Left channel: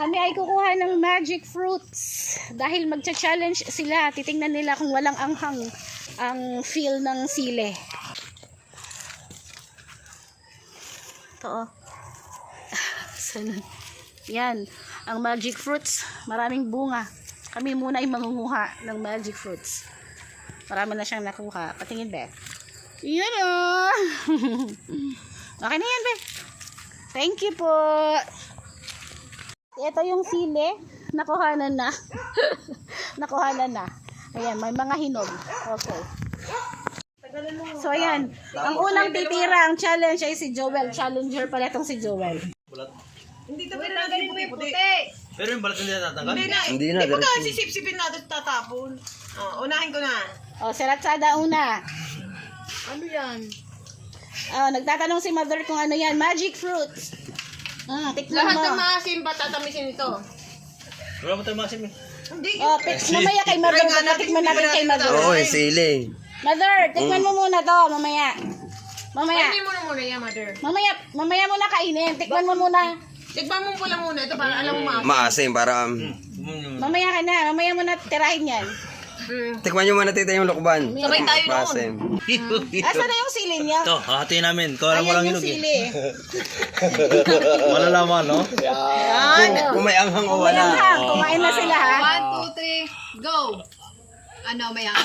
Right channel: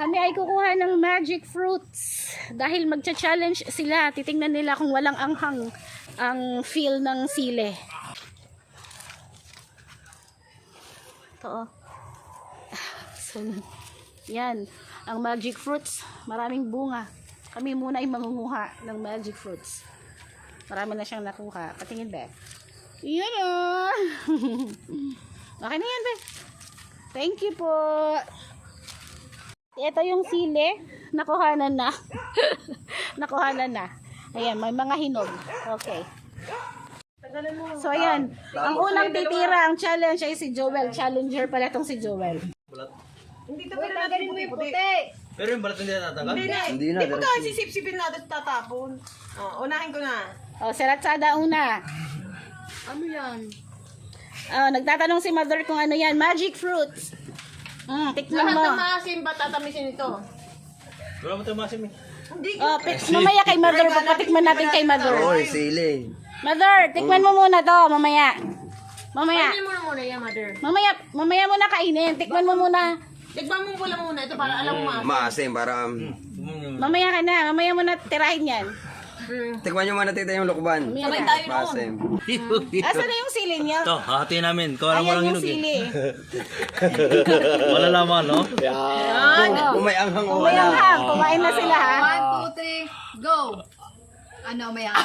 Kami ay kukuha ng magic fruits. Dahil magcha-challenge sila. Titingnan nila kung walang anghang ang feel ng sili. Ito, oh. Yan. Ang magic fruits. Maraming bunga. Kami muna ay mangunguha ng magic fruits. Marami na siyang nakuha. Patingin, Beth. Yan, oh. Okay na yan, Beth. Thank you po. Ito yung sili. Nakuhanan na. Nakuhanan na. Ayan, may mga hinog. Okay. So, ayan. Ang unang titira, ang challenge ay si Joel. Challenger pala itong si Joel. Hindi tabi na natin puti-puti. Pero yung balat hindi natatanggal? Hindi na. Hindi pa sisip-sipin natin tatapon. Unahin ko na. O, si Ratsada una. Ano yan? Nagtatanong si Mother kung ano yan. Magic fruits. Tikman Lahat mo. ng maasim ba tatamisin ito? Wala mo tayo masim eh. Hindi. Mamaya kay Mother. Tikman natin kay Mother. Oy, sili. Mother, tikman mo muna to. Mamaya. Mamaya. Kainin mo na muna yan, mother. Mamaya mo na kainin. Tikman mo muna. Tikman mo pala muna ito para alam mo maasim. Maasim para... Mamaya ka na. Mamaya mo na tirahin yan. Tikman nyo muna tita yung lukban. Sabay tayo noon. Maasim. Asa na yung sili niya? Ito, hahatiin namin. Kawala mo lang Ayan yung hinog eh. sili. Wala laman, no? Kung may anghang o Kung may wala. anghang, kumain na sila ha. 1, 2, 3, go! Ano, may ang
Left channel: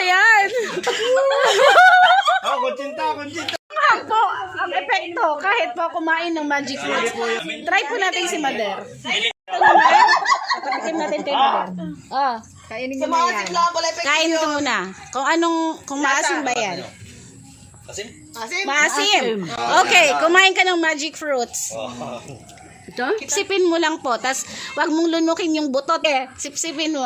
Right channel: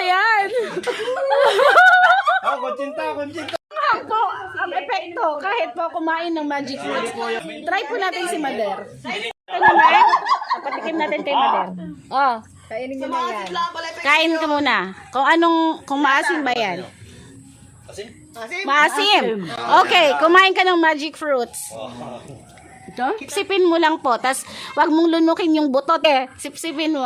Ayan. Kuntsinta. Ang epekto, kahit po kumain ng magic fruits. Try po natin si Mother. Ito naman, patikim natin kay Mother. Oh, kainin Sa nyo na yan. maasim lang pala epekto. kain ko muna. Kung maasim ba yan? Asim? Maasim? Maasim. Okay, kumain ka ng magic fruits. Sipsipin mo lang po, tas wag mong lunukin yung butot eh. Sipsipin mo.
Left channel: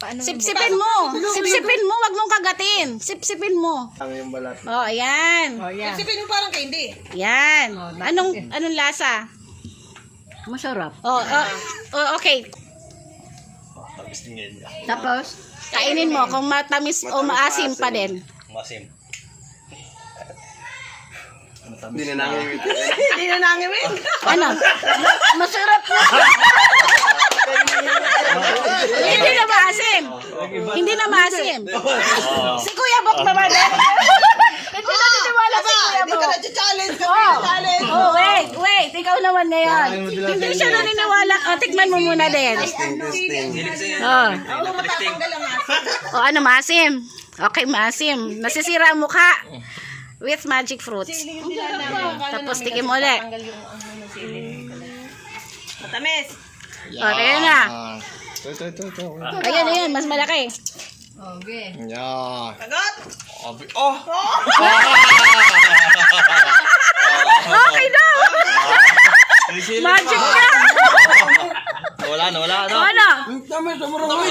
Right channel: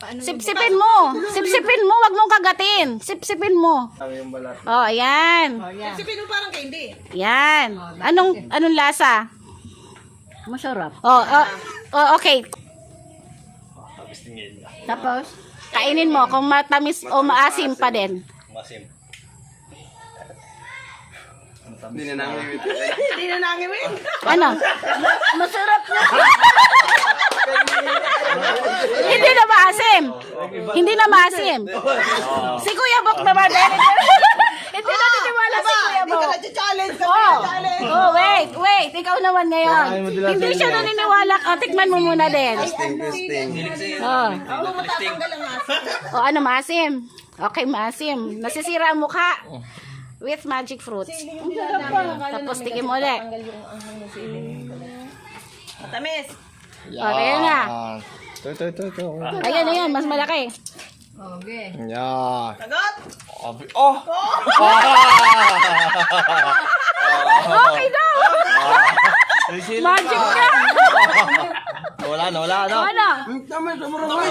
Sipsipin mo. Sipsipin mo, wag mong kagatin. Sipsipin mo. Oh, ayan. Sipin mo parang candy. Yan. Anong lasa? Masarap. Okay. Tapos tingin. Tapos, Kainin mo kung matamis o maasim pa din. Masim. Hindi na namin. Hindi na nangiwin. Ano? Masarap na. Hindi na maasim. Hindi na maasim. Si Kuya Bok naman din. Hindi na niniwala si Kuya Hindi ka Bok. na-challenge. Wait. Ikaw naman ngayon. Hindi siya naniniwala. Tikman mo muna din. Testing. Ako matatanggal ang asin. Ano, maasim? Okay, maasim. Nasisira ang mukha with magic fruits. Tapos tikim ulit. Matamis. Ayan na. Ayan, mas malaki. okay. Kagat. Okay daw. Magic ka. Wala. Ano?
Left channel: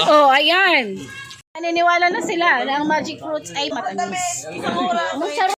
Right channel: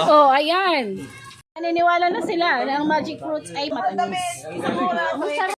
Oh, ayan. Naniniwala na sila na ang magic fruits ay matamis.